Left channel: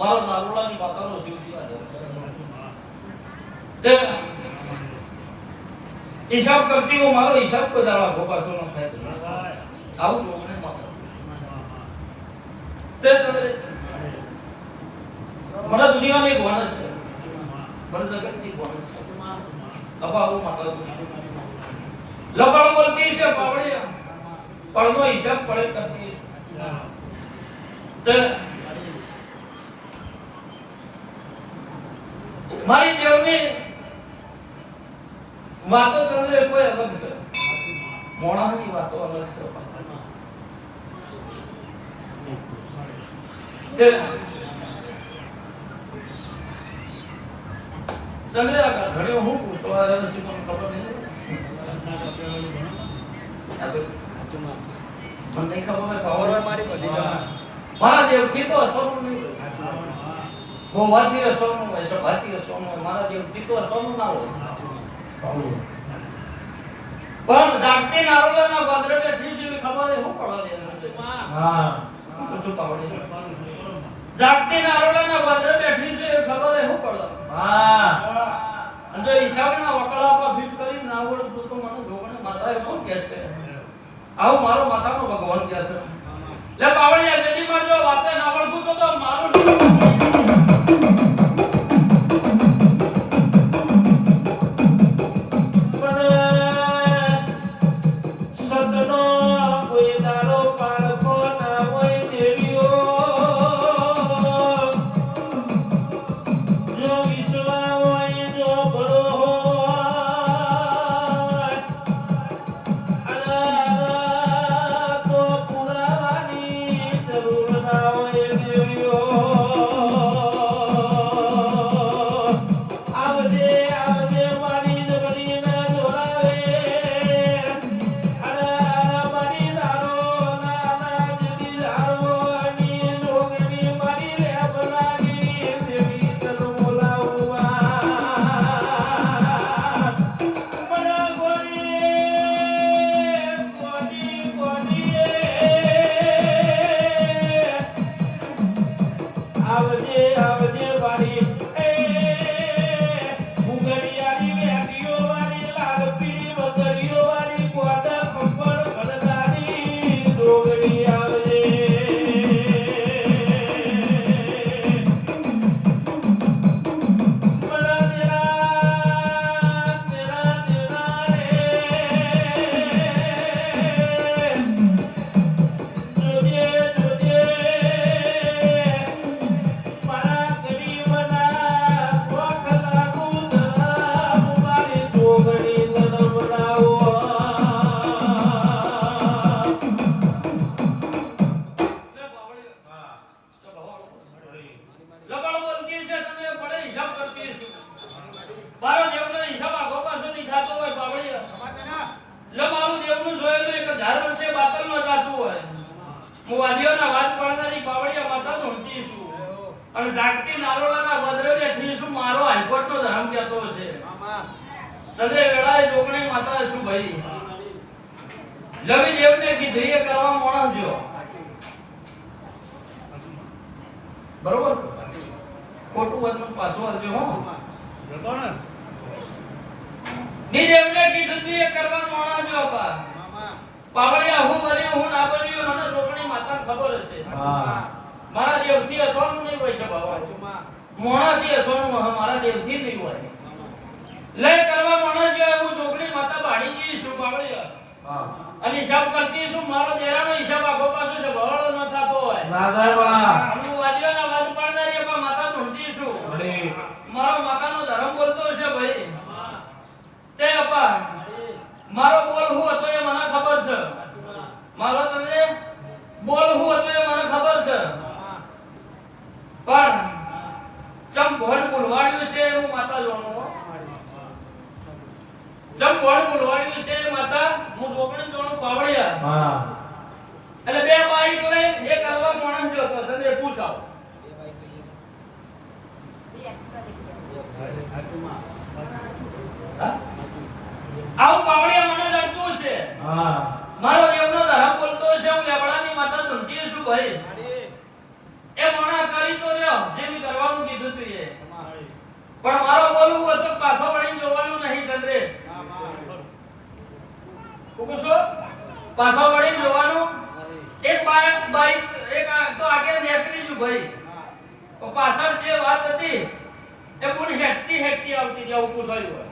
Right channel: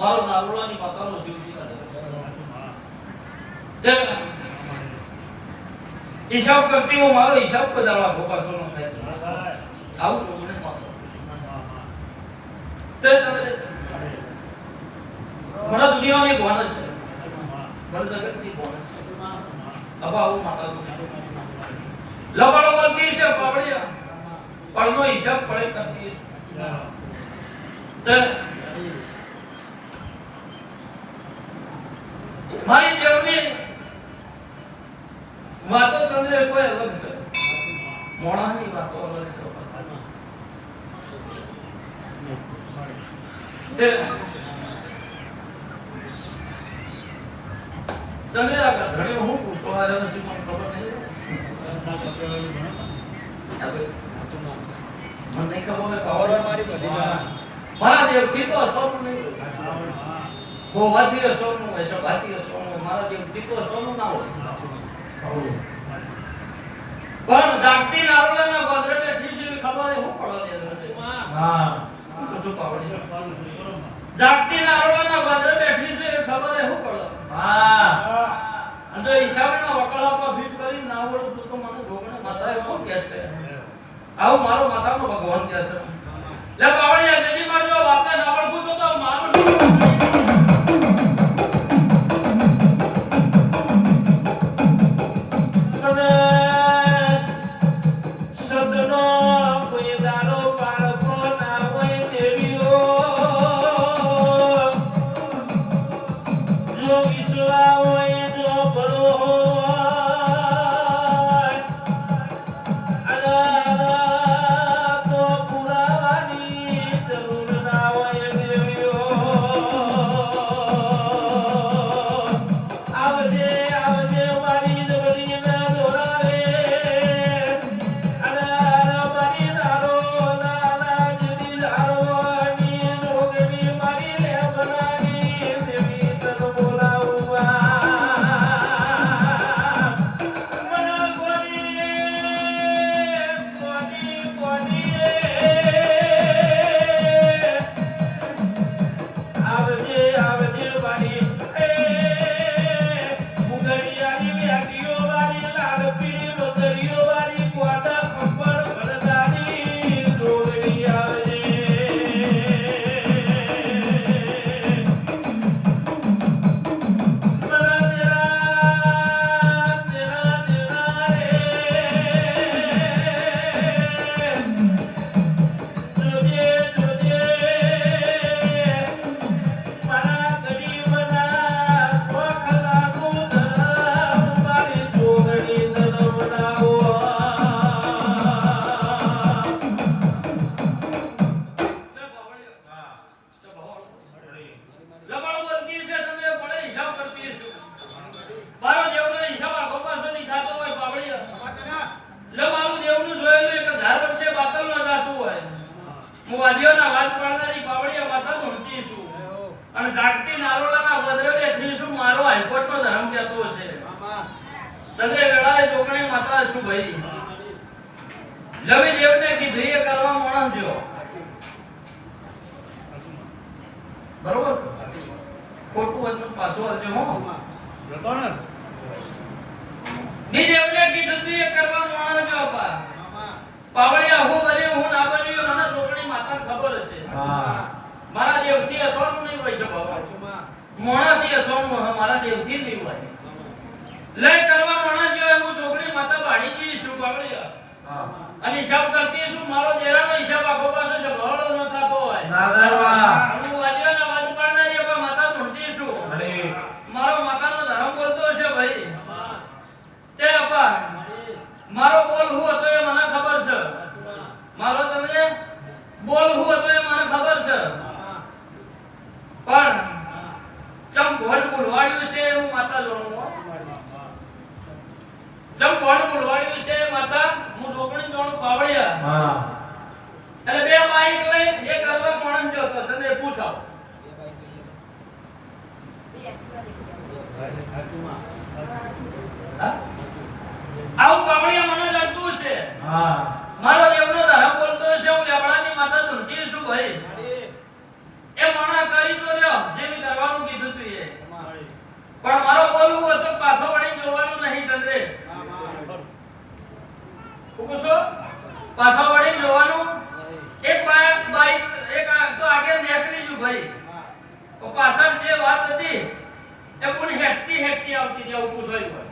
મારો નારોલાની માતાનો શિવજી આ તે હિસાબ કરતી હું મારો હિસાબ કદાળવા ભોપાસો નો થાય આવું તો મને માતો તે ચંદ્રે મને દુનિયાની એક માણસ છે મને જગતની માણસ છે અબાઉ માતા લબડ બોલતી છે પાવડિયા પરનો હિસાબ પડે કરતી તે મારી દેવની વાતો ચંદ્રે કોઈ અલગ છે મોણાની વાતો અલગ છે ચંદ્રે આ ઘડીઓ હું પૂછવા આવ્યો છું મને ખબર નહીં મને ખબર હોય મારી બધી મારા દેવથી તો અસરનું નહીં ગોવાથી અસરનું હોય સભાથી અસરનું મારા દેવથી તો અસરનું ના હોય પણ જાગતી નારોલાના ગોદરે બેઠી છે ખબર હે હું પડવા દે હા શું પાવડી જાગતી નારોલાના ગોદરે બેઠી છે ખબર હે હું પડવા હા અને ઈશાના વકલા પર ફિટ કરી નાવડ તો મને ભગવાન માથા એવું કહેશે આવું મારો માથાનો ભગવાન કહેશે લે પાવડિયા જલ્દી મારજો વાતે નાવડ તો મારો અને જાગતી નારોલાના વદરે બેઠી છું મારો હાઈકોર્ટનો ધર્મ કહેતો છે ચંદ્રે વેળાએ જોગણી માતા શું ભાઈ લવી દેવને કીધું એ કરવા મોણજો બરોબર ખોટું વચન પાછું આવજો હો જતો ને ની દેવને કીધું એ કરવા મોણજો બા પાવડિયા હું બન્યો હું ના બન્યો મને જોગણી માતાને ખબર હશે મારા દેવથી અસોનું નહીં હોય છે બાબા મોણાથી અસોનું મારા દેવથી નહીં હોય લે કરવા મોણા જો હું જોગણી માતા બાણીજી શું બાવળિયા અને હિસાબ કરતી શું મારો દેરાનો હિસાબ આખો પાછો છે ભળો ન થાતો હોય ના દેવા હું વાડીઓના વાદ પાડનારી આપા માતા ધૂંઢતી છું મારો માતાનો ધર્મ બોલતો છે ભાઈ તે આપા મારો બોલ હું હતો એ મને ખબર છે મારો ચંદ્રે બોલ હું હતો એ મને ખબર છે પણ ચમ ભણ બોલવાડ્યું છે હું માતા જોણું ચમ ભણ બોલવાડ્યું છે માતા હું જોગણી જોણું પાવડિયા હા એટલે બે બાઈક લઈને એ કરવા માણસ જો તો ચંદ્રે પૂછાવ આવું પાવડિયા મને લડતું છે હા મારો દેવનો ધર્મ બોલતો છે હું લેવડાની માતા ધૂંટી છું ભાઈ એ મણા કરી તો રહ્યો જેમ પાછો વળી જોવાનું એક બાઈક એક તો આગળ નીકળી ગયું ભાઈ તો પાછળ જે વાત હતી એ પૂરી હેકતી આવતી જેવું પૂછાયું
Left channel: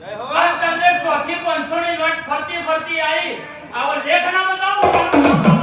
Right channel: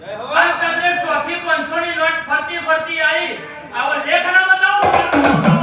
જય હો આ ચંદ્રે ચોથી 500 ની નોટ ફરતી આવી આવો લેખ ના બતાવો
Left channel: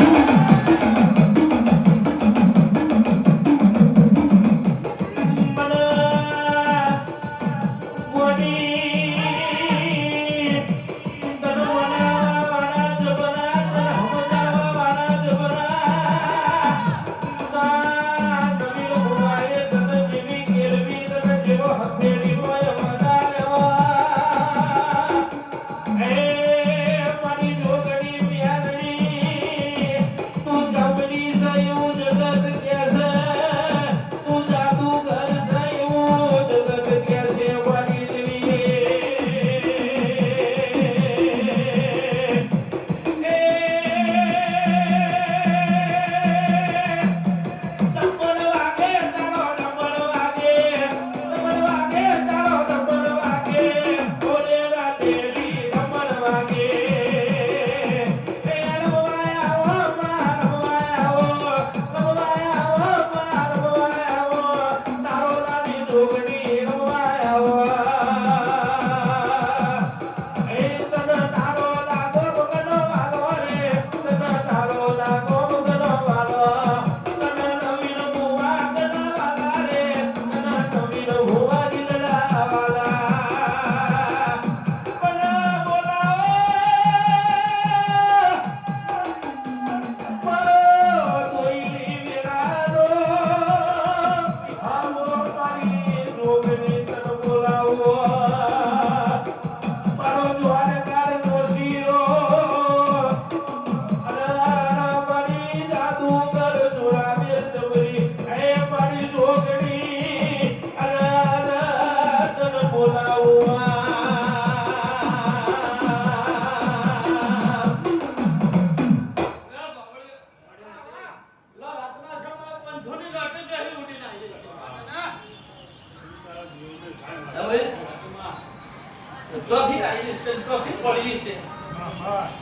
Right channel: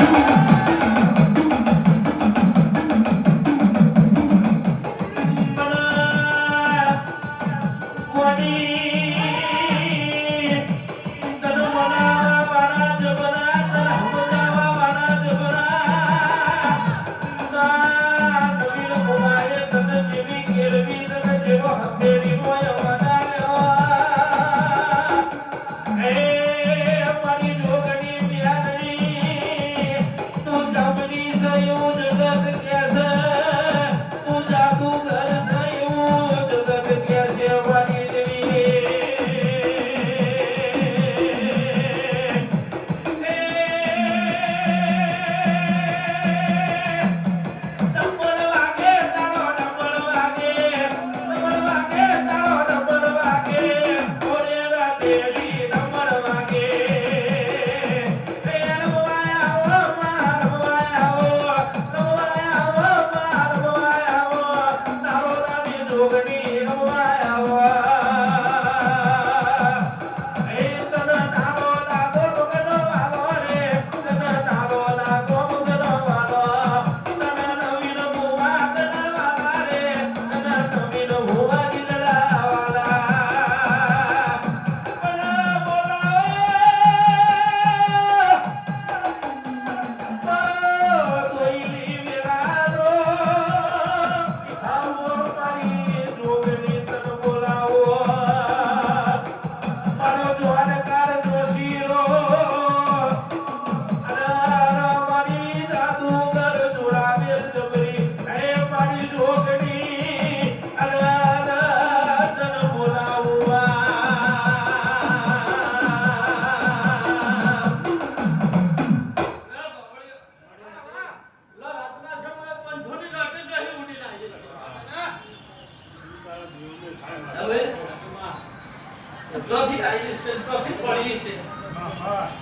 ચોથી આવી છે ચોથી પડી છે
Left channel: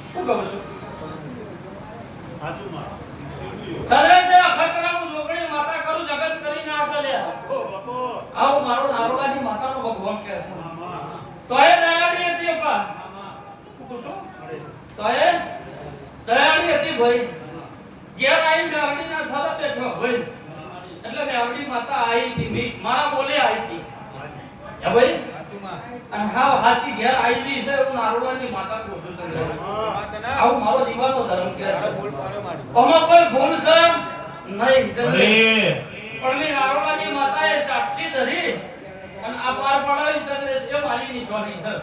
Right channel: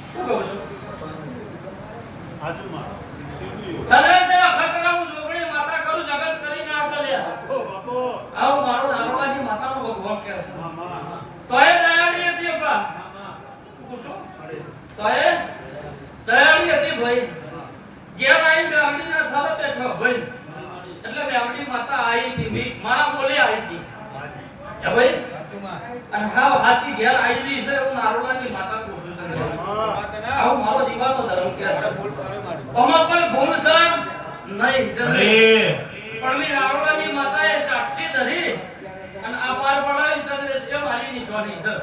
શું કહો છો આજુમાં ચાલે છે ખતરાનું જોગણી માતા કરું જગત કરીને આવતા લે આવો મારો નારોવાની માતાનો ભગવાન કહે છે તોય દયાળી હતી અપા પૂછો તોય દયાળી હતી ભાઈ ઘેર આવીને ગામડી ના થર બેઠો ભાઈ એટલે ગામડી માતા આવી હતી મારા બોલે આવી હતી હે ભાઈ અને હાવ હાથી ઘેર આવી છે એવું નારોવાની માતા પૂછું છે આવું મારો જીવનનો ધર્મ કે છે બોલ પાડે મારી ઓમાં કોઈ ભૂલ છે નહીં પણ મે નારોવાની માતાએ સાક્ષી ધરી અને આ પાર પડાવી ચંદ્રેશ એ મારી નિશાની છે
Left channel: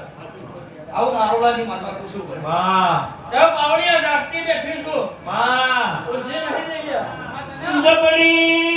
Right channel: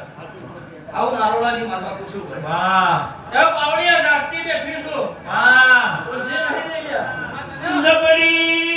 આવું નારોવાની માતા પૂછું ભાઈ વાહ એ પાવડિયા જાગતી બેઠી છું વાહ બોલજે નહીં લઈ ગયા જબડી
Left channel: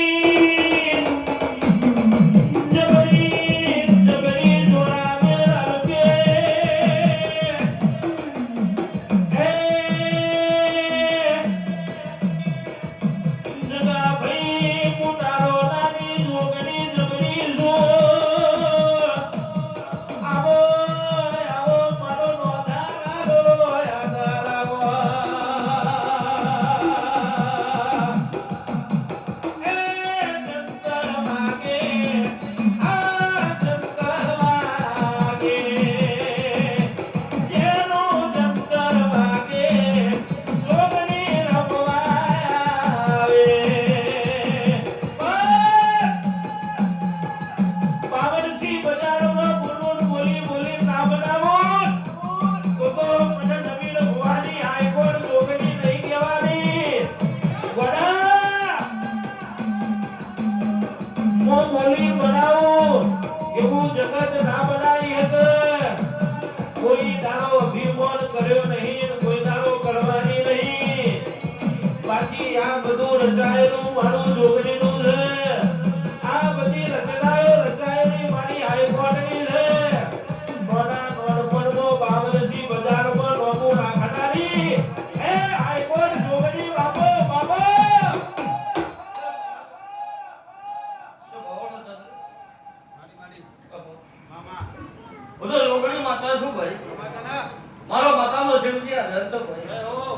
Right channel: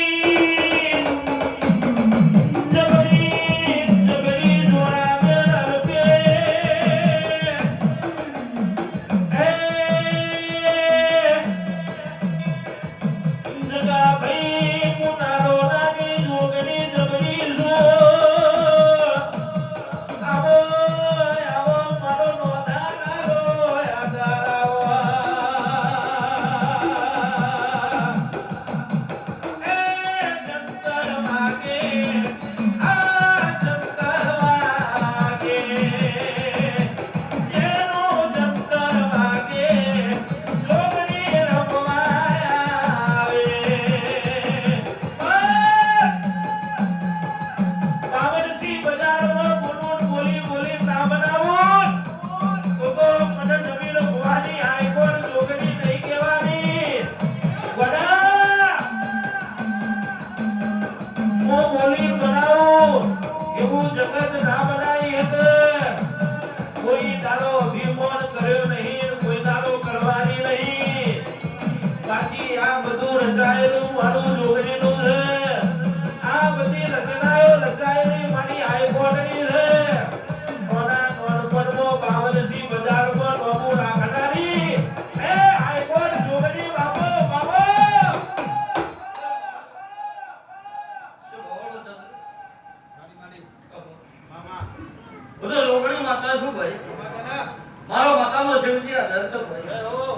મારો મતાનો શિવજી ડરસો ભાઈ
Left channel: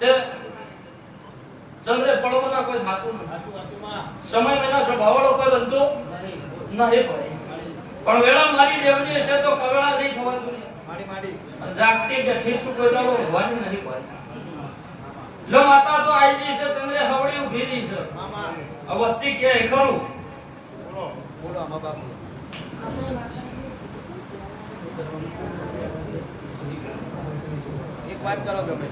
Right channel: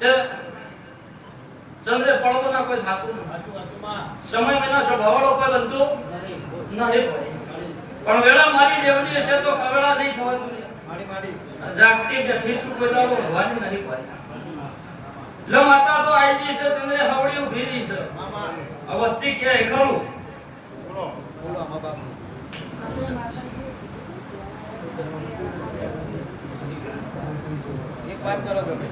તે ચંદ્રે પડવાના કોઈ થાતું નથી. સમય વિના સ્વભાવવાળો કોઈ બનતો નહીં ભાઈ. પણ વેળા મારી દેવની છે તો કવેળા નહીં થવાનું નહીં. જાગતી બેઠી છું કોઈ તો ભગવાનની નહીં ભાઈ. લો માતા તો આવી છે ચંદ્રે હવડી ઊભી રહી છે. અવસ્થી કે ખરું બોલો મા બાપ એક વાત કરો ગમે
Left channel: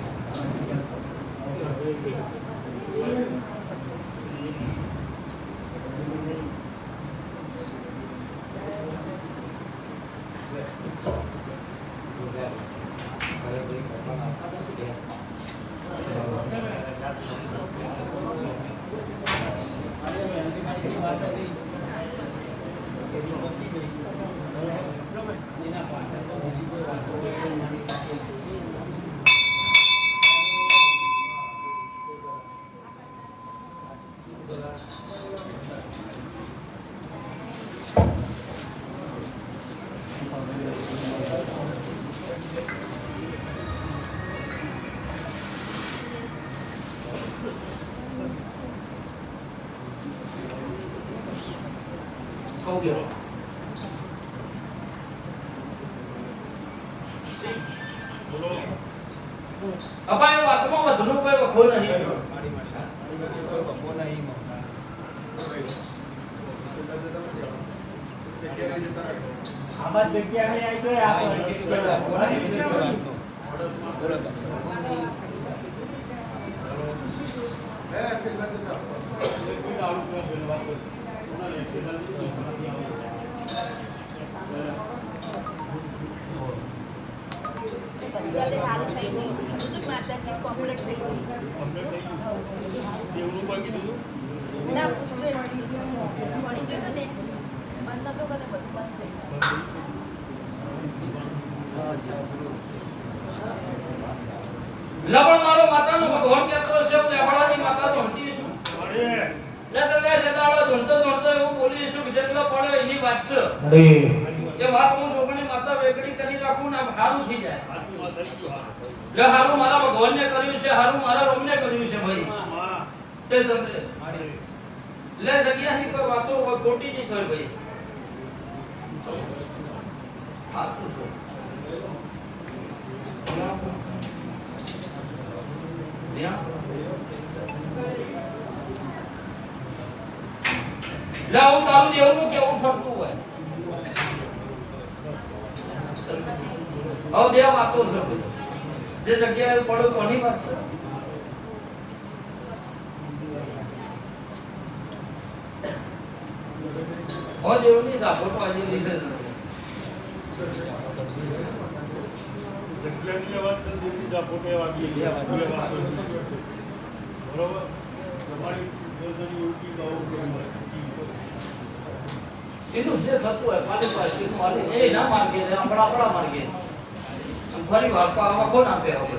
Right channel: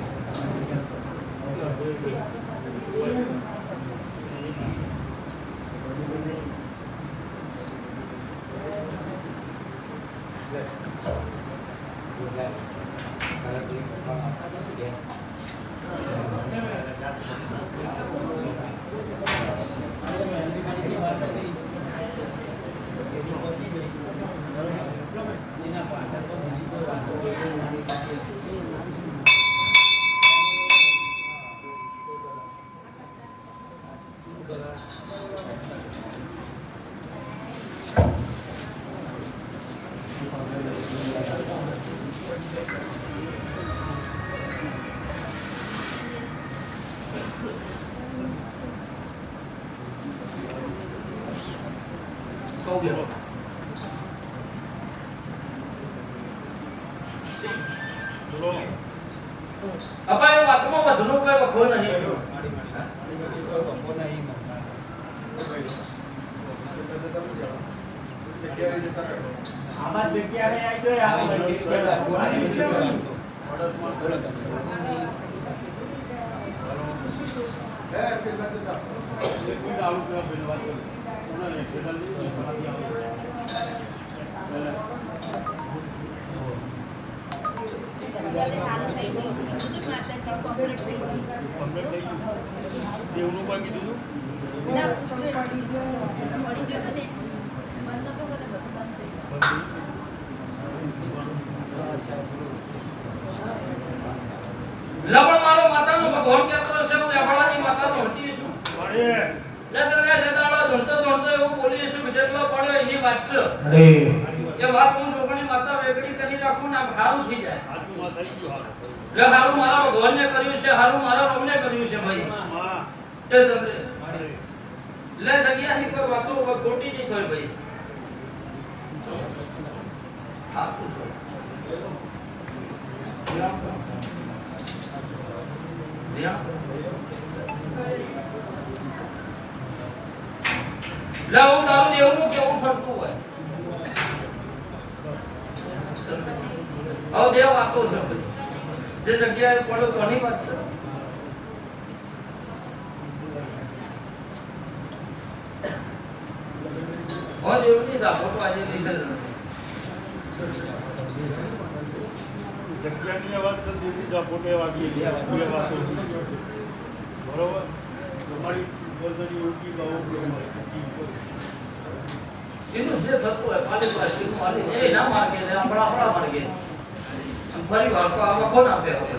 અપાય વાતમાં વધુનું કોઈ વખો નહીં. આમાં જગ્યાએ આવી દેવનું કોઈ કીધું લવણ મારો માતાનો ભગવાન કહેતો છે હું લેવડાની માતા તો હટી છું. લે તને સદાળો ધૂણતો એવું બોલી છું કે જેટલો પડ્યો એની વાત છે. એ વાત હું જોગણી માતા વેગડી કરી રાખું ને હારું થઈ જાય. લે હારું મારા ભગવાનને કર્યું છે, હારું મારા રોમને કર્યું છે ભાઈ. તે ચંદ્રે લે જગ્યાની કોઈ વાતો ખોટી નહીં થઈ ભાઈ. હા શું છે લાવું તારું દેવનું કેવું થતું હોય. હવે બે વાતો છે જે જગ્યાએ પડ્યો કોની વાત છે. હવે દેવની ઝાપટ આજે લીધે જગ્યાની અવાજ છે દેવની ઝાપટે વાગી બે વાતો બરોબર. તમારી જલ્દી ઉઠી ગાવું એનું જે થતું હોય મારી પાસે મારી એ ના માર્ગે છે આપણા માર્ગે ફરી વાર તો આવા કોણ આપે હવે